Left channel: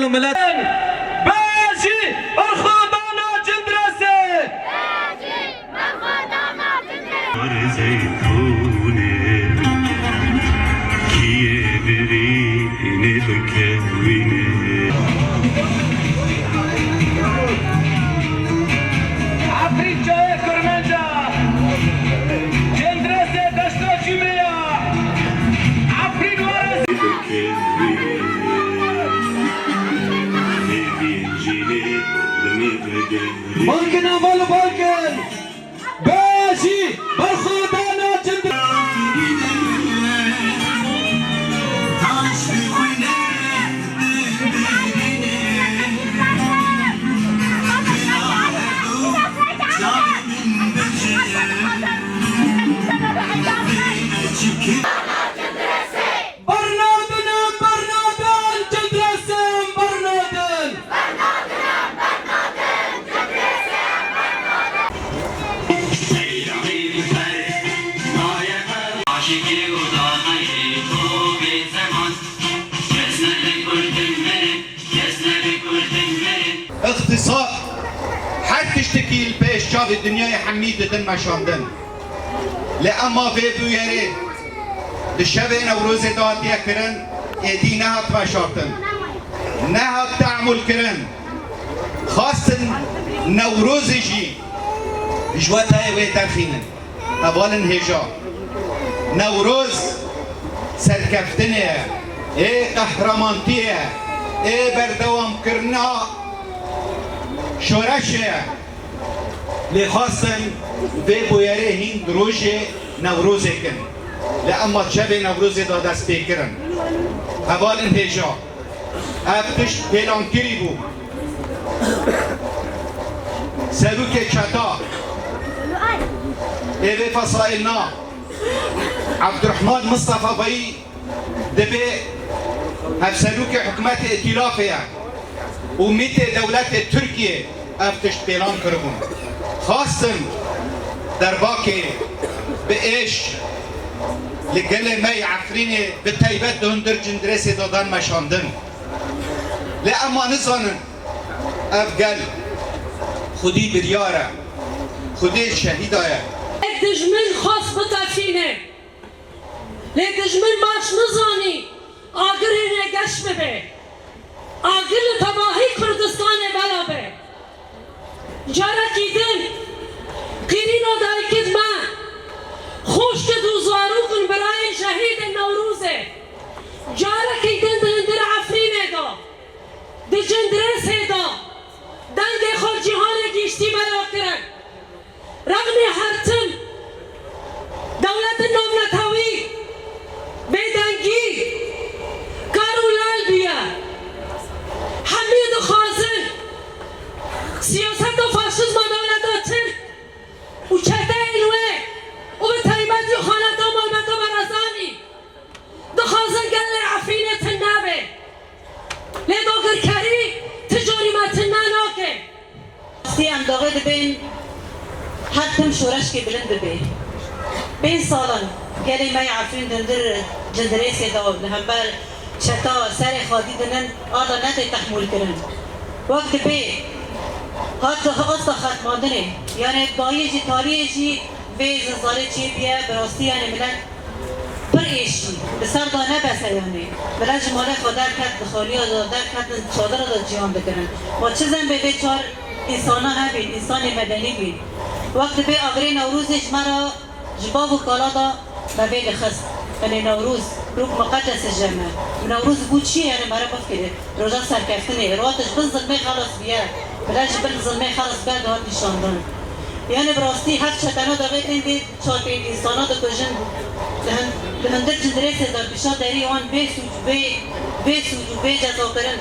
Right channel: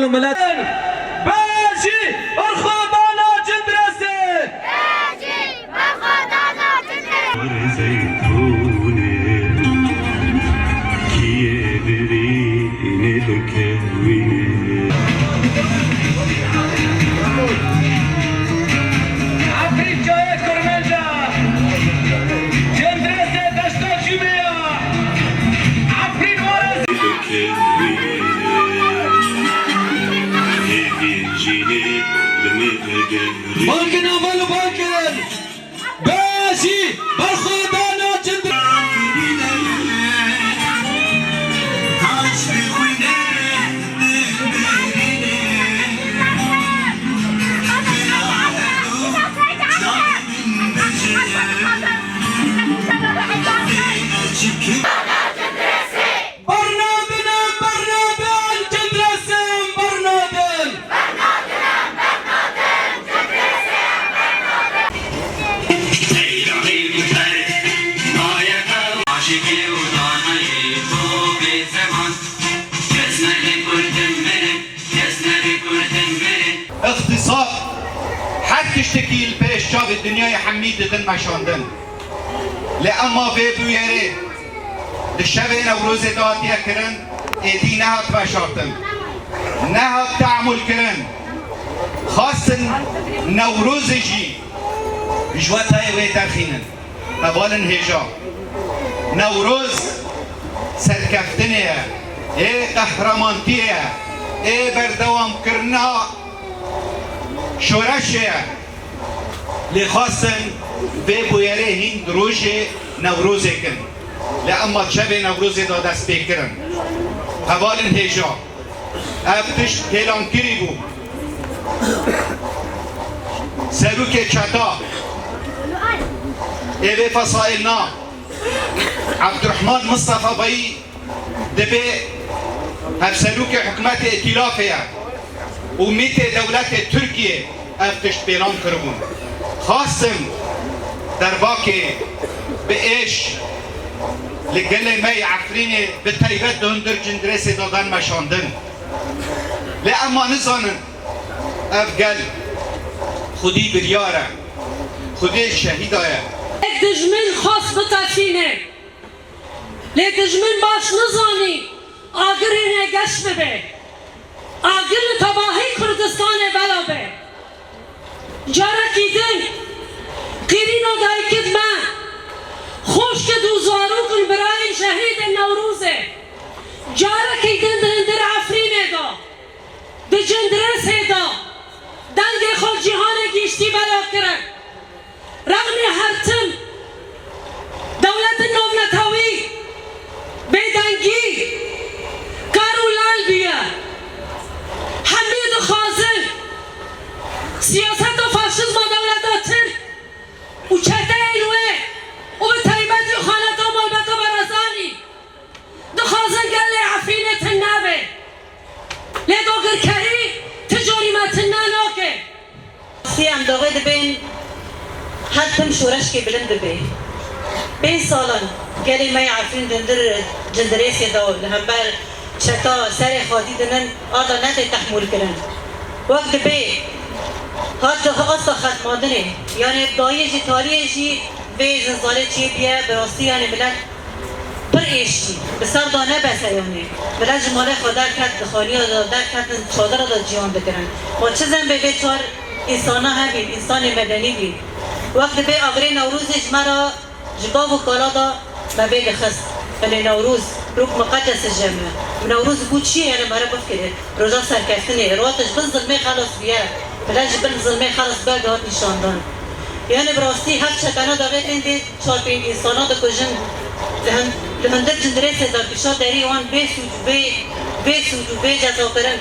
مل و ملت باجی ارخودانا جندرسه باجی ارخودانا جندرسه بالکن اول بالکن باشی برخودانا جندر اقتصاد هر تشتكي البيش شاف الدنيا حميد دن مشاندن لأما في بويري الشبه نوروز داتيا كرن ايدي نهات مشارتن نهات تعمل كرن خاصة نوروز جي جوات هاي ويترخينن أبالن هجا نوروز سركفتنية ايه قهرمانتية ايه بردوام كرنا شورشه لخاصن به بویره هین روز نوروز کن لأما شب نوروز دا دست بکرن حوال هجا افتش پیلانکری بو سروک چتا ایوه فصائلنا عبدالرحمن مصطفى بایی دبی هف سروک حکمت ائتلافیه وميت دولات تركيا افتش بيلان كربون خاصم درباكي بإيش لقل ما يعفريني بالتايبات دهندر جندرسي دادان مشاندن لأما نزانن أفقل خدي بريارة خدي الشهيدة دجمن خاص بتاكينه لدجمن باش نزاني آقرينه قش ببه آگل تباهی کردستان بلا به جارا کیدن قیرینا دای کد ما خوش که دوزارو کن برای شهید نوروزه جارا کیدن دندر عفرینه دا ده جندرسه دا دنگ خود جهان گیشتی بلا کرن رغم هرتم دولت نومنتاوی بیدنگی کارولال بیا حمید خازن سیاست و فاشیسم و دولت ترک و چهده اینوه و به طیبتی خانت و ملبت و برازانی دو خازن گل عفینت نبه لی دوگر کری تجاری متن ناکه سیم داغه دبین حتم شورش که بلند ببین بین سالان گلی می عفین دندر جندریسی داول همبر شتا سر خادی دنن آدا نده تحمل کرن وقت بی حتی آستا ختماندنه یعنی دایه جی تاریه جی وی زنزاله چی بیه براستی یعنی ملن پر ایشتی بسر دانه بسه یعنی بلن جماله خودر کد خالی دادر کد چادر داد جیان بکرن ما چه زن بی چار انسان ها بین انسان مدنی بین وقت بی آغری نوروزش مرا جباب و کالا دا مبی لخست من نوروز روک مقدس الجامعة نوروز بود چیه یعنی مرا بفکره روزا سرکفتنه رواتش بز ظلمه خلاص بیه بلاج بل ظلمه خلاص بیه دهات نشاندن یعنی براستی هفت شکانا داغه تنده چارپین انسانا دا کجن لمندر جندره سزار بیشا داری وان بی سوج و بی جزا کرن